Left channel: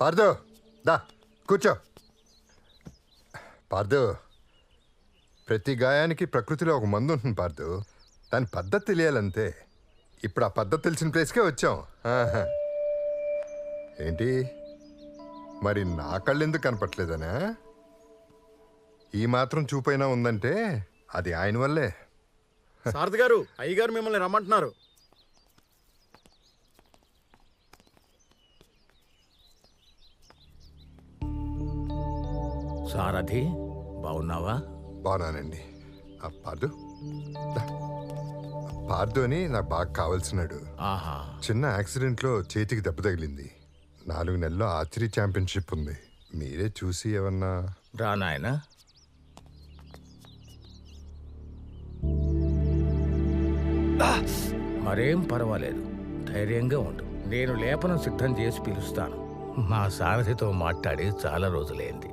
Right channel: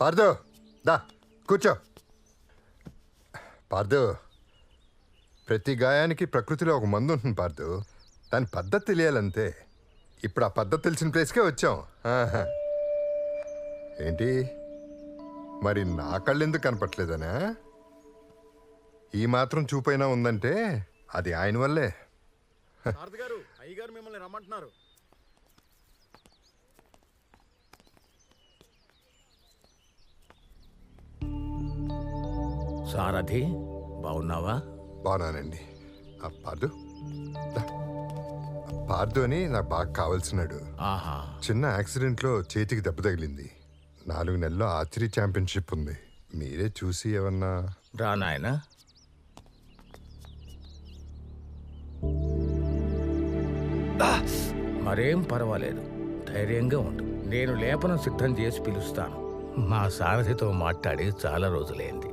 పార్దు దా కూర్చో. పార్దు, ప్రతి గాయానికి ప్రకృతిలో ఒక మందు ఉంటుంది పార్దు. దాని పద్ధతి తెలియాలంతే. ఇప్పుడు ఆ పద్ధతి తెలిసిన ప్లేస్కే వచ్చాం. ఏంటి మరి నా కళ్ళు ఎందుకు కనపట్లేదనా? ఈ మాత్రం చూపైనా ఉందంటే అది ఆయన వల్లే. సారథి గారు, అయ్యగారు మిమ్మల్ని రమ్మంటున్నారు. సారథి, బాగున్నావా? బాగున్నానండి. పార్దు పార్దు అని నాకు బాగా కావాల్సినాడు. ఆహా, చిన్న యాక్సిడెంట్లో చేతికి దెబ్బ తగిలింది. 4 నెలల్లో ఆర్చరీ ఛాంపియన్షిప్ ఉంది. మీరే చూసి ఏమన్నా. రా నాయనా. మరేం పర్వాలేదు, ధైర్యంగా ఉండు. నేను లేపనం సిద్ధం చేసి పిలుస్తాను. మా సారథితో మాట్లాడి చాలా రోజులైంది.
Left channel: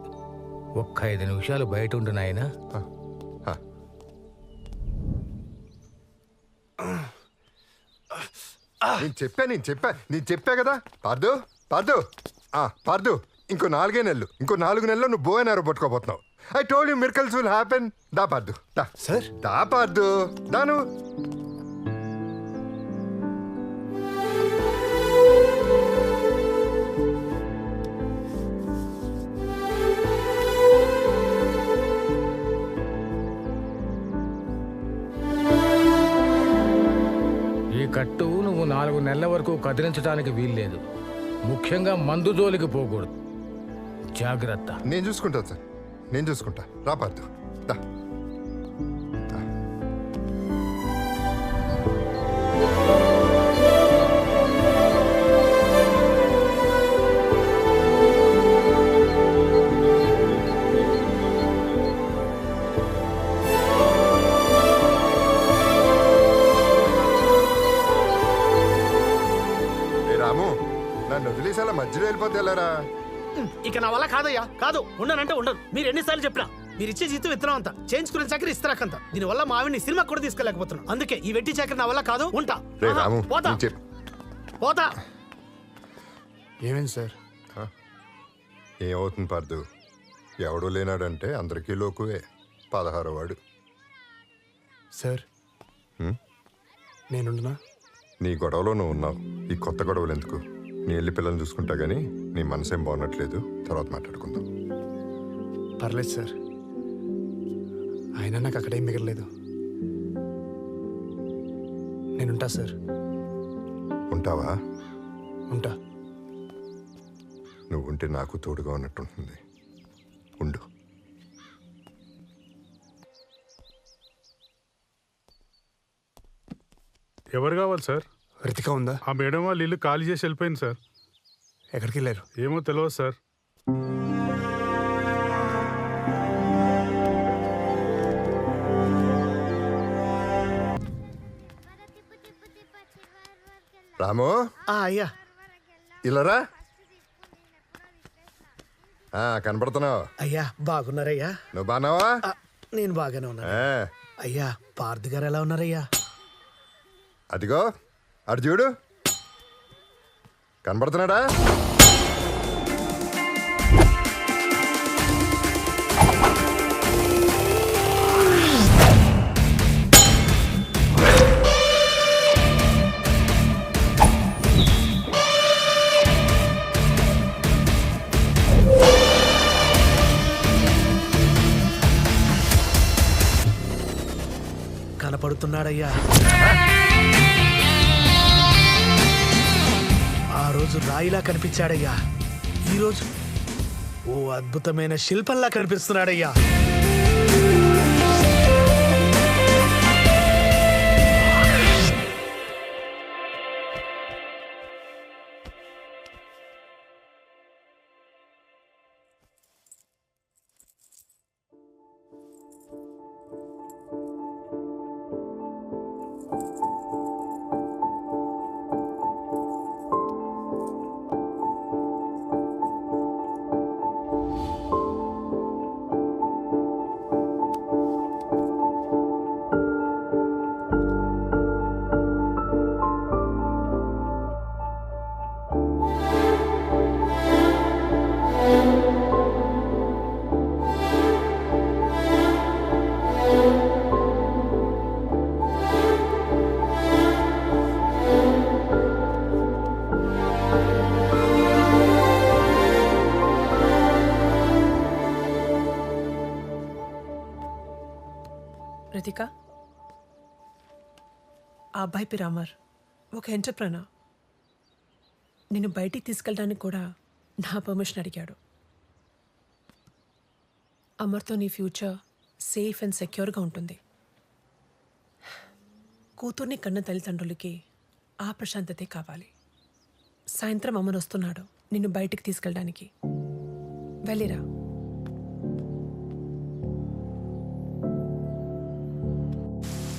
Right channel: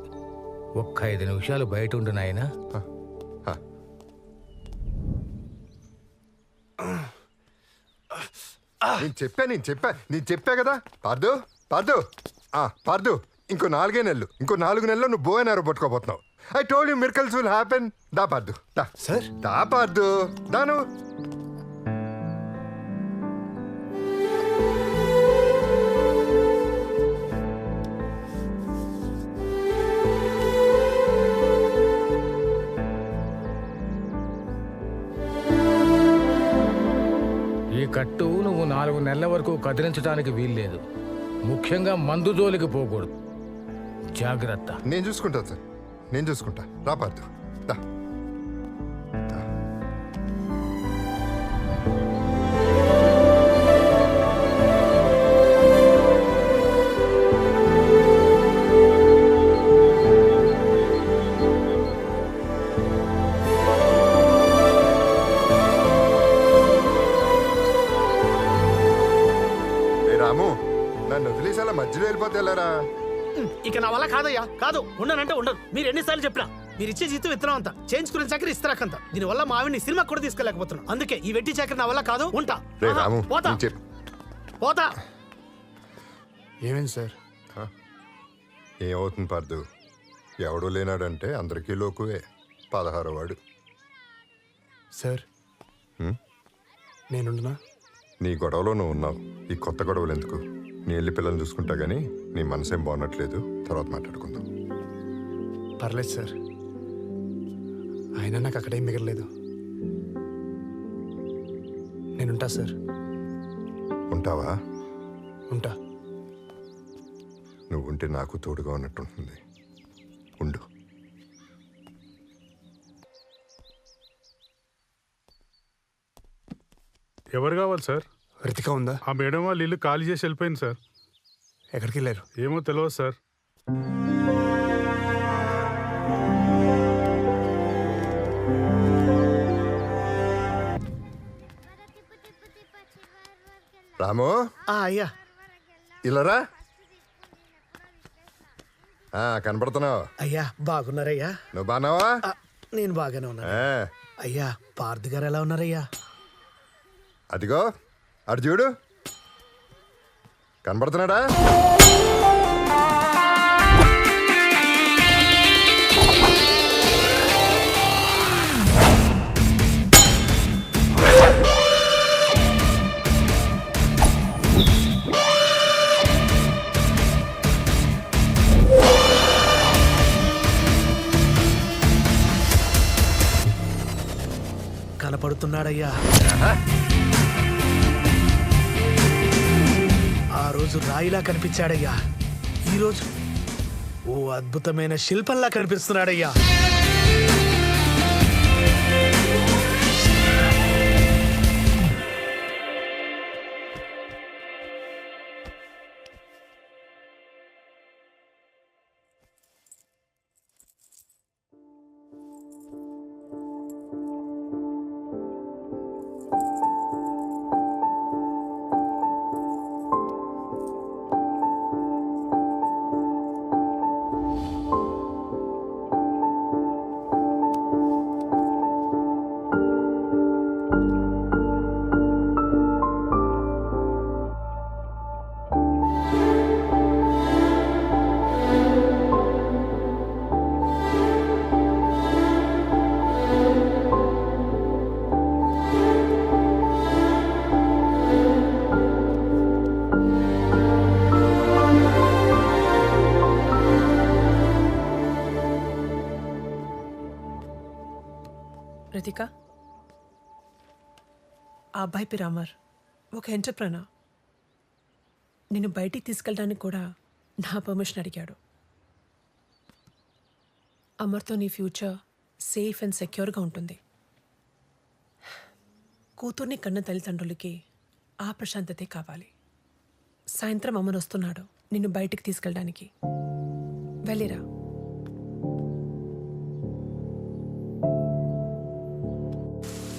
ఒక్క 5 నిమిషాలు బయట ఉండు నాయనా. నేను చెప్పా కదా పార్దు. పార్దు పార్దు, ఇంకో 4 నెలలు, ఇంకో 4 నెలల్లో నువ్వు బోయనారో పట్టుకోబోతున్నావు. I told you miracles will happen. దా పార్దు, దా సార్. దా పార్దు, దాను. ఈ కట్టు నువ్వు 4 నెలల వరకు కదిలించడానికి వీల్లేదు. ముఖ్యంగా మందు జోలికి పోకూడదు. జాగ్రత్త. నేను చూసుకుంటా సార్, నేను చూసుకుంటా. రా పార్దు, దా. రాము, నన్ను వదిలేసి అలా మధ్యలో వెళ్ళిపోతే వెళ్ళారా? ఇక నా వల్ల కాదయ్యా, కాదు. ఉండనంటే ఉండదు. మీరు ఎన్నిసార్లు చెప్పినా మీరు ఇచ్చే జీతం విత్తనం అంతా, చేయించుకునే చాకరీ ఇస్తారాకంత. దీనివల్ల మా ఆవిడ్ని సినిమా కూడా తీసుకెళ్ళకపోతున్నాం. అందుకే ఈ వెట్టి చాకరీ నా వల్ల కాదు. ఉంటా. రాము, పోతా పోతా. ఏమైంది సార్? ఏమవుతుంది పార్దు? ఎవడూ లేనాడంటే అందరికీ లోకువే. 16వ వాడు. సార్, నేనుండునా? నీ గొడవలో నువ్వు ఉన్నావు. ఈ కొత్త గొడవలు ఎందుకు? నీ వెళ్ళి పిల్లల్ని చూసుకుంటా గానీ నీ మనసేం బాగున్నట్లేదు. తర్వాత మాట్లాడుకుందాం. పర్లేదు సార్, అయినా నాకు అక్కడేం మిగలలేదు. నేనుంటా సార్. ఉంటావా? ఉంటా. నువ్వు ఉంటే నాకు తోడుగా ఉన్నట్టుంటుంది. ఉండు. ఎవరు కావాలి సార్? రితిక ఉందా? ఆ మేడం వాళ్ళు ఇల్లు ఖాళీ చేసి వెళ్ళిపోయింది సార్. ఎక్కడికి వెళ్ళారు? ఏమో తెలియదు సార్. రాము, అయ్యా ఇలారా. కనపడుతున్నావు. అయ్యా బాగున్నారయ్యా? నువ్వు బాగున్నావా? నేను బాగానే ఉన్నా. అయ్యా పార్థి గారు ఎలా ఉన్నారయ్యా? అదిగో అటు చూడు, కనబడుతున్నాడా? కనపడుతున్నాడయ్యా. ఆ రోజు రాయిలా కనిపించాడయ్యా. ఈరోజు ఓ అద్భుతమైన శిల్పంలా కనిపిస్తున్నాడయ్యా. రతిక, ఆ అబ్బాయి పేరు అమర్, ఒక ఎంటర్ప్రెనర్. నిన్ను బయటికి తీసుకెళ్ళడానికి కూడా నా పర్మిషన్ అడిగాడు. అమర్తో నీ ఫ్యూచర్ సేఫ్ అండ్ సెక్యూర్గా ఉంటుంది. కూతుర్ని కన్న తల్లిదండ్రులకి ఆ ప్రశాంతతే కావాలి. సాయంత్రం అమర్ వస్తున్నాడు నిన్ను బయటికి తీసుకెళ్ళడానికి. వెళ్ళిరా.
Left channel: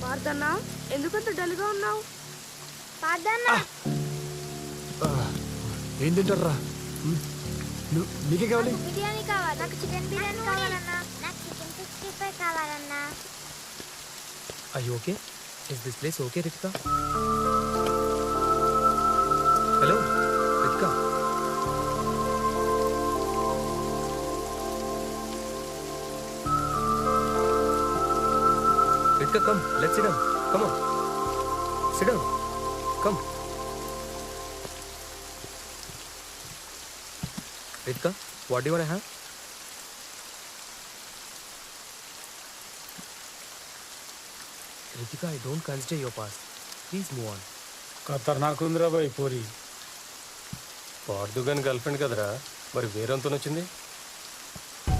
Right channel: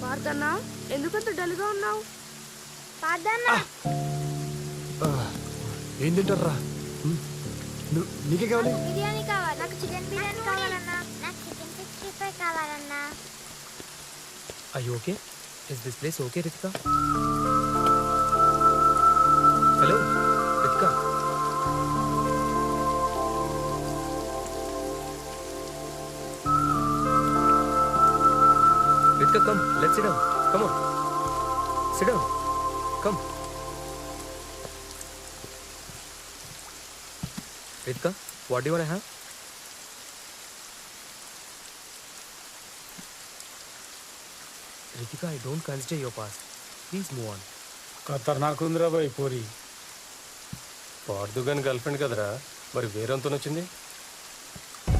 పార్థన్నా, ఎందుకంత డల్గా ఉన్నావు? ఏం తింటారా? నీకే కావాలి? బిర్యానీ కావాలి. నాకు చికెన్ బిర్యానీ కావాలన్నా. నాకు చికెన్ 65 కావాలన్నా. Are you okay? Is this place okay, Ritika? Hello, Ritika. Ritika, come. Let's sit down. Come on. Sit down. Come. Ritika, what do you want to have? Ritika, I don't consider your past. Please move on. ఖతర్నాక్ ఉందిరా bye puri. పార్దుగాని girl friend కదరా, మరి వేరేంతో వచ్చింది?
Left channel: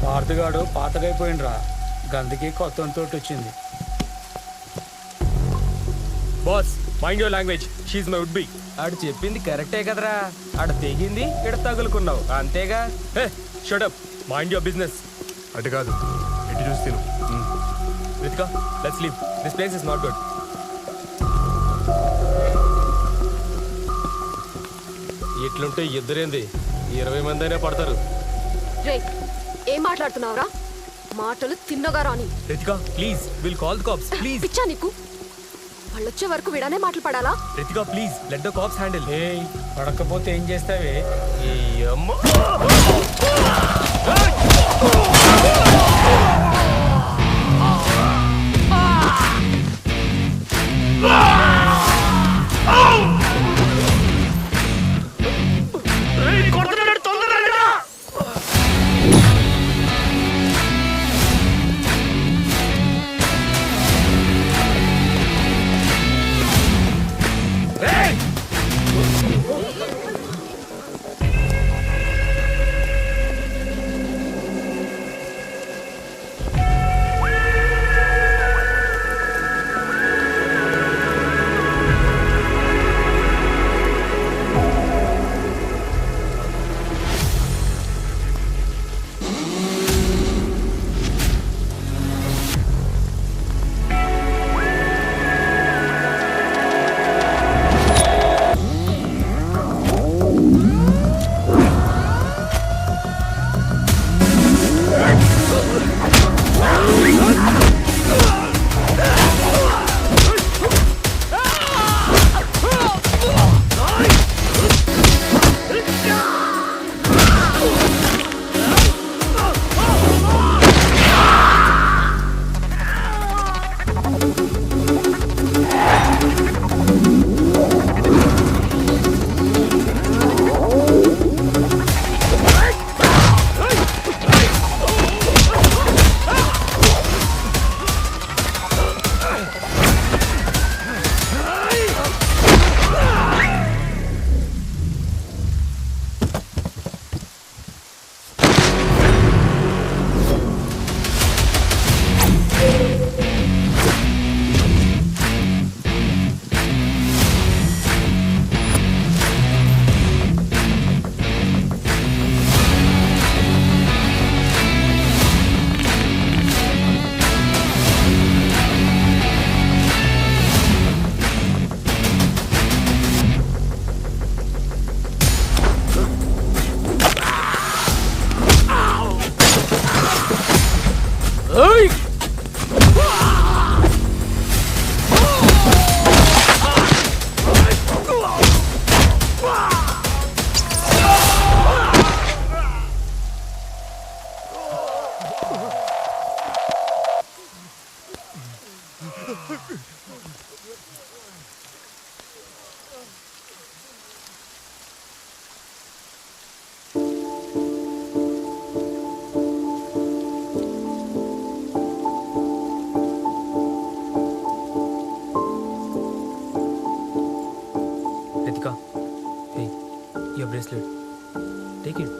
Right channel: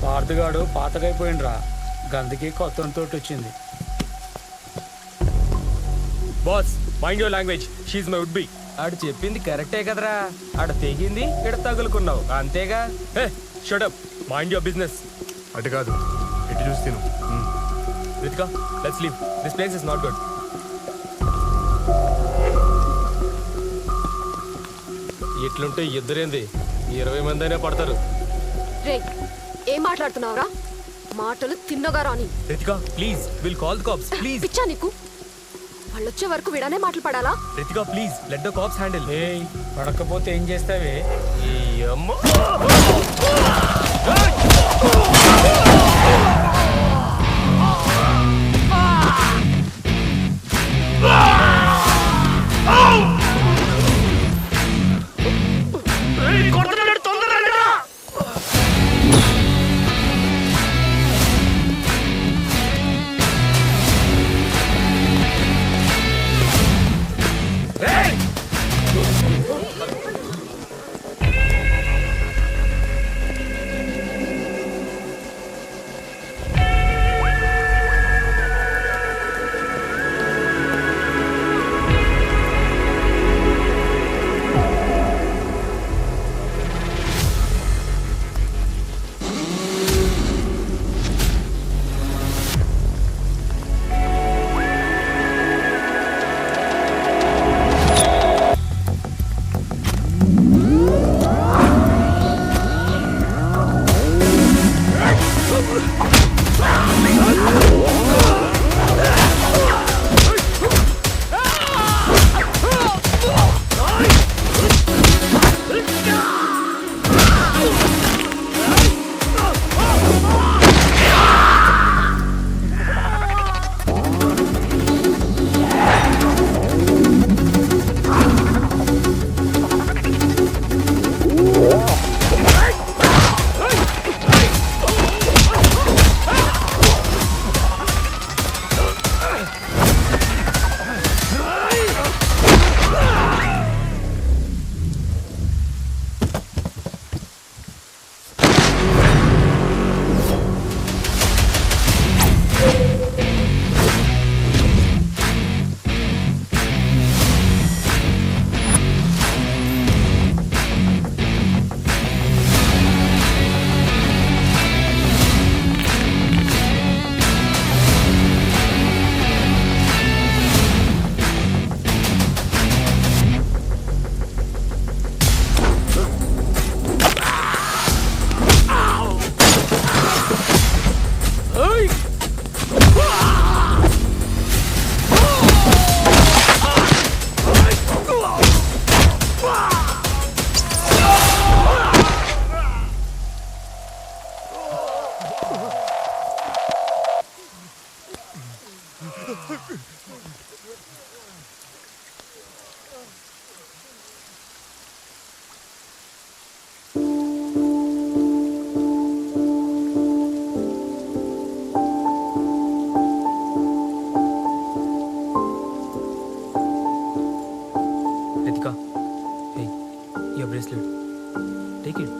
పార్థగాడు పాతగైపోయిండ్రా, గందుకి కొత్త తోటి వచ్చింది. Boss, mind your language. She my would be. ఆడు చెప్పింది కరెక్టే కదరా, ఆడ తెగింది, ఇక్కడ తగులుకున్నావు అంతేగా. Hey, shut up, mind your business. అటు కాదు, ఎటు చూసి తిను. Ritika, let's leave. This place is not good. ఇట్లుంటే ఇద్దరేంది, 20 మంది అయినా పడతారు. రే, ఏం మాట్లాడుతున్నావురా? మాటలు తిన్నగా రాని. Ritika, please, we'll call the cops, please. పిచ్చా నీకు? వాళ్ళొచ్చే వరకు విడానే మాటలు పడాలా? Ritika, please, let the cops handle. ఏయ్, పడకపోతే ఏం చేస్తావే? ఈ అమ్మ. Bracelet take it.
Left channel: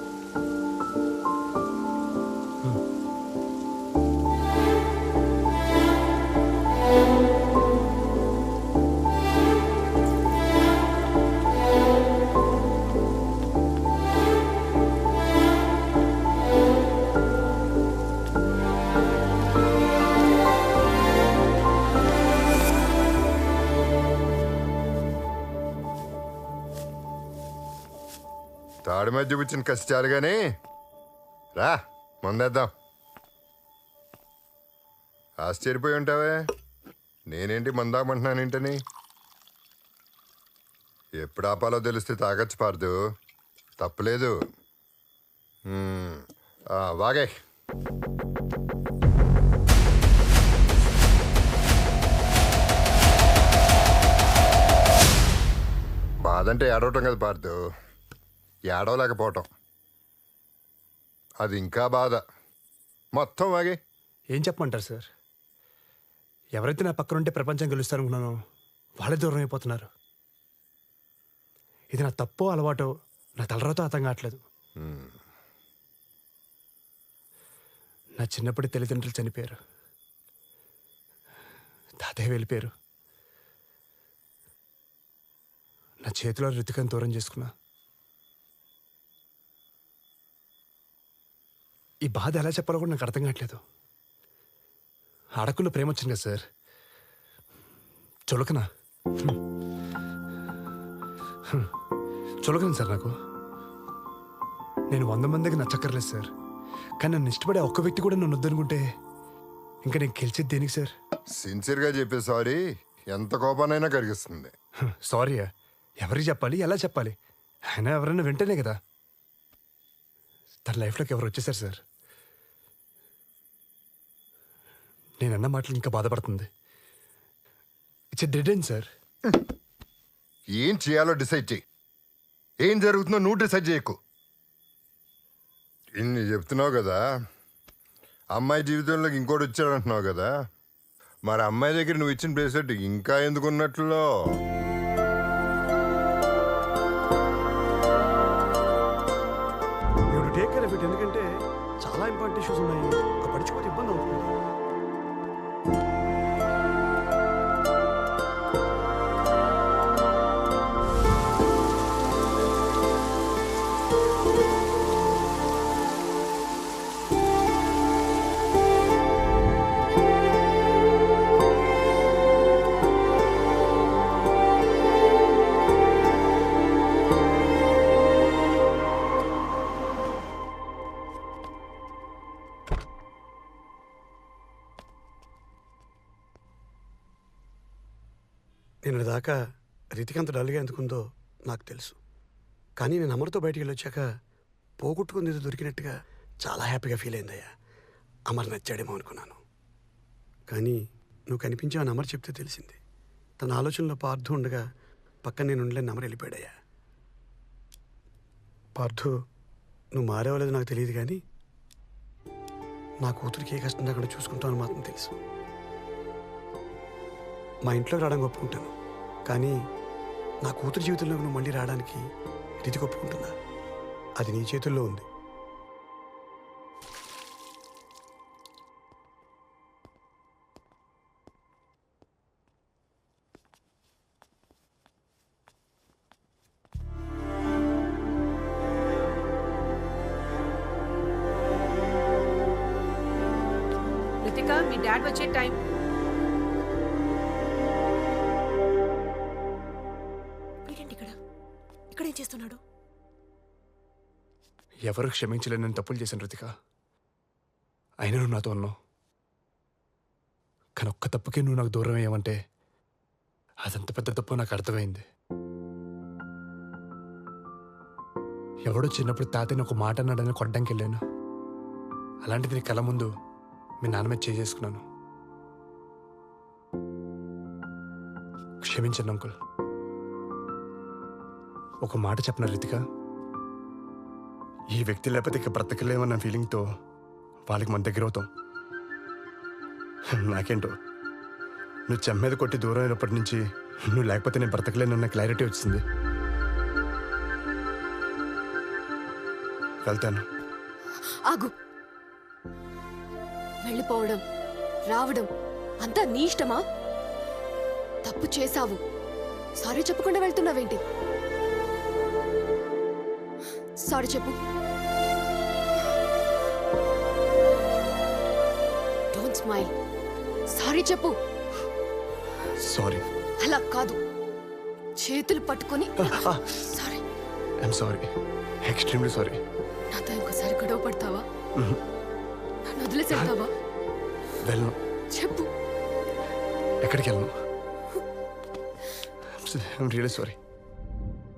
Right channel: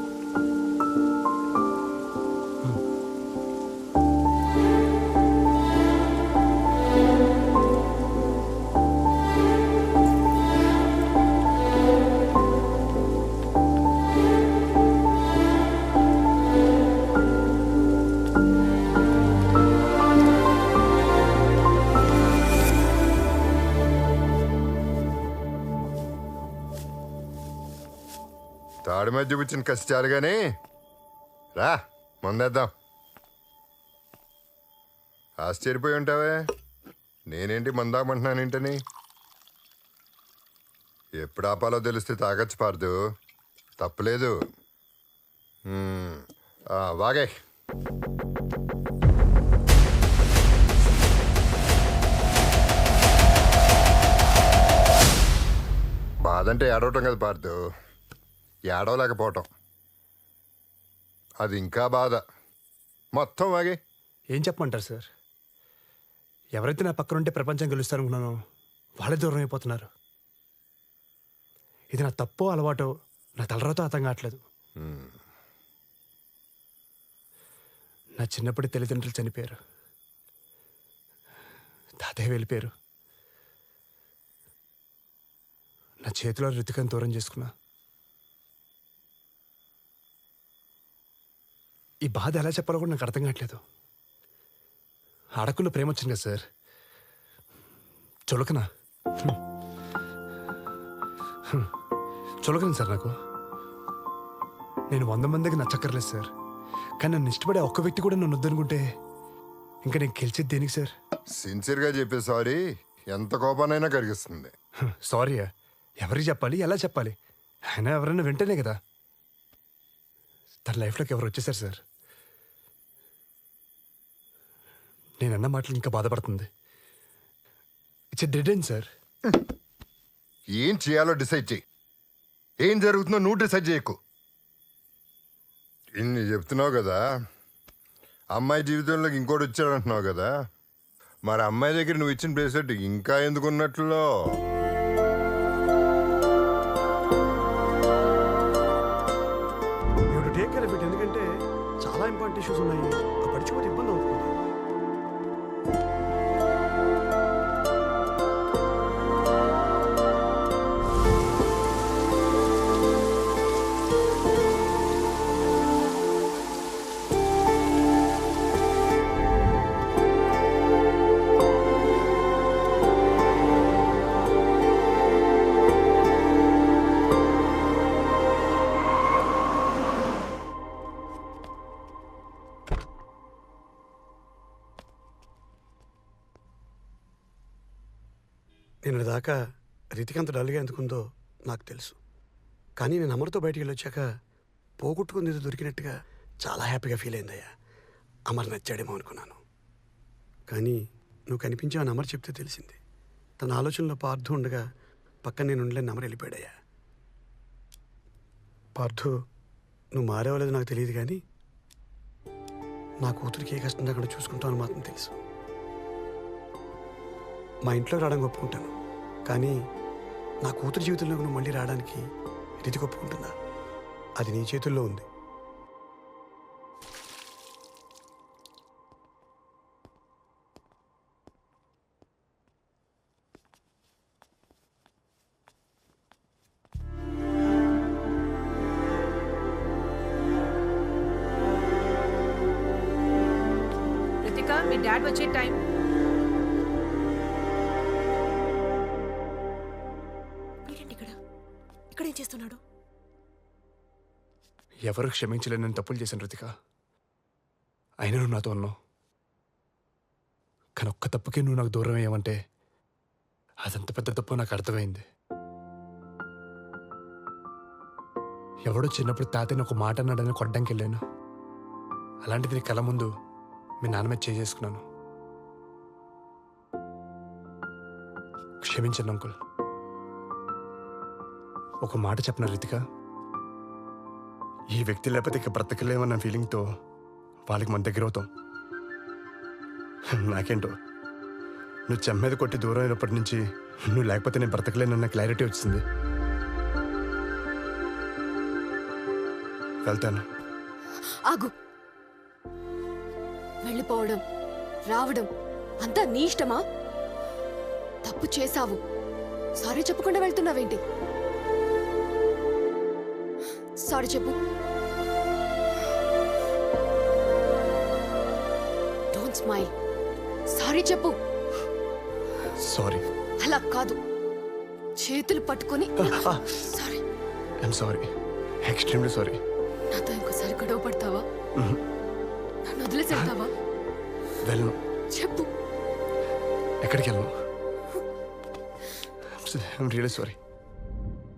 తాడి మీద చూపించిన కసి చాలు కానీ రా ముందేద్దాం. ఆశ్చర్యపోయి ఉంటావే, నేనేంటి మందామంటున్నాను ఏంటని. ఎప్పుడు ఆపాలో తెలిస్తే తాగొచ్చు పార్దు, తప్పులేదు. వాగే. బాధ అంటే ఏడవటం కదా పార్దు, ఏడవలేకపోవటం అది ఇంకా బాధ. మొత్తం వాగే. ఏం చెప్పమంటారు సార్? ఎవరైతే నా పక్కన ఉంటే ప్రపంచం గెలుస్తారనుకున్నానో వాళ్ళే దూరం అయిపోతున్నారు. ఇది నా తప్పో అలవాటో నా తలరాతో అర్థం కావట్లేదు. నా చిన్నప్పటి తల్లిదండ్రులు చనిపోయారు, తాతయ్య వెళ్ళిపోయారు. నా చేతిలో రితికను దూరం చేసుకున్నా. ఈ బాధ ఎలా చెప్పాలో కూడా నాకు అర్థం కావట్లేదు. అడకుల్లో ప్రేమ వచ్చింది కదా సార్, చులకనా చులకను సార్ నాకు. నేను 100 మందికి నచ్చక్కర్లేదు సార్, కానీ నన్ను ఇష్టపడే ఒక్క వ్యక్తి కూడా నన్ను వద్దనుకుంటే ఇంకా నేను గెలిచేది దేనికి సార్? సిన్సియర్గా చెప్పే సారీ ఎంత కోపానైనా కరిగిస్తుంది. సారీయా? ఎవరికి చెప్పాలి, ఎలా చెప్పాలి? ఆయన ఎవరైనా వెంటనే కదా. తన లైఫ్లోకి ఎవరు వచ్చేసారు సార్. నేనన్న మాటలు ఇంకా బాధపడుతుంది. It's dead end sir. ఏం చేయాలో డిసైడ్ చేయి, ఏం జరుగుతుందో నువ్వు డిసైడ్ చేయకు. ఇన్ని చెప్తున్నావు కదా, అమ్మాయి జీవితంలోకి ఇంకోటి వచ్చాడు అంటున్నావు కదా, మరి అమ్మాయి దగ్గర నువ్వు ఇచ్చిన బ్రేస్లెట్ ఇంకా ఎందుకున్నట్లో? టేక్ కేర్ ఆఫ్ ఇట్, ఎందుకంటే చాలా ఇంపార్టెంట్ ఇష్యూస్ ఉన్నాయి. ఆ పడిచిపోతే ఇబ్బంది అవుతుంది. నేను దాకా రితిక అంత డల్గా ఎందుకుందో నాకు తెలుసు, కానీ నేను అమర్తో బయటికి వెళ్ళొచ్చాక పోగొట్టుకుంది ఏదో దొరికినట్టుగా చాలా హ్యాపీగా ఫీల్ అయిందయ్యా. అమర్ నచ్చాడేమో అనుకున్నాను, కానీ నువ్వు కనిపించావని అమర్ చెప్తే తెలిసింది. తన ఆలోచనలో పార్థు ఉండగా పక్కన నేను ఉండలేని అమర్ వెళ్ళిపోయాడయ్యా. పార్థు, నువ్వు మారేవలేదు నాకు తెలియదు, కానీ నా కూతురికి ఏ కష్టం లేకుండా చూసుకుంటావు అని మాత్రం తెలుసు. మా ఇంట్లోకి రావడానికి ఒప్పుకుంటాను, కానీ నా కూతురు జీవితంలోకి నువ్వు మళ్ళీ రావడానికి రితిక ఒప్పుకుంటుందా? అది నీ చేతుల్లో ఉంది. రితిక, మీ డాడ్ వచ్చే టైం. వీడేంటి ఇక్కడ ఏం చేస్తున్నాడు? ఎవరు క్షమించలేని నేను తప్పులు చేశాను రితిక, అయినా నువ్వు నాతో ఉన్నావు. కానీ ఒక్క తప్పుకే నువ్వు నాకు దూరం అయ్యావంటే అదంత పెద్ద తప్పు నాకు అర్థమైంది. ఎవడో చిన్నప్పుడు తాతయ్యని ఒక మాట అన్నాడని కొట్టడానికి వెళ్ళాను, అలాంటిది నీ కళ్ళ ముందు మీ నాన్న మీద చేసుకున్నాను. క్షమించండి అంకుల్. ఒక మాట చెప్పనా రితిక, ఈ వ్యక్తి లేకపోతే ఇక బ్రతకలేమన్న ఫీలింగ్తో వాళ్ళకి మన దగ్గర అవుతాం. నాకేంటో నువ్వు చెమ్మేద కొట్టి దూరం అయినప్పటి నుంచి నువ్వు లేకపోతే నేను బ్రతకలేనన్న క్లారిటీ వచ్చింది. వెళ్తాను. ఆగు. వెళ్ళిపోవడం రావడం అంతా నీ ఇష్టమా? తప్పు చేశావు, సారీ చెప్పకుండా వెళ్తున్నావేంటి? సారీ చెప్పు. Don't smile. సారీ చెప్పు. సారీ. అలా కాదు, చేతులు పట్టుకొని sorry. I'm sorry, extremely sorry. నాతో ఇంకోసారి గొడవ పడతావా? నన్ను వదిలేసి వెళ్తావా? వెళ్ళను. చెప్పు. ఎక్కడికి వెళ్ళను. I'm really sorry.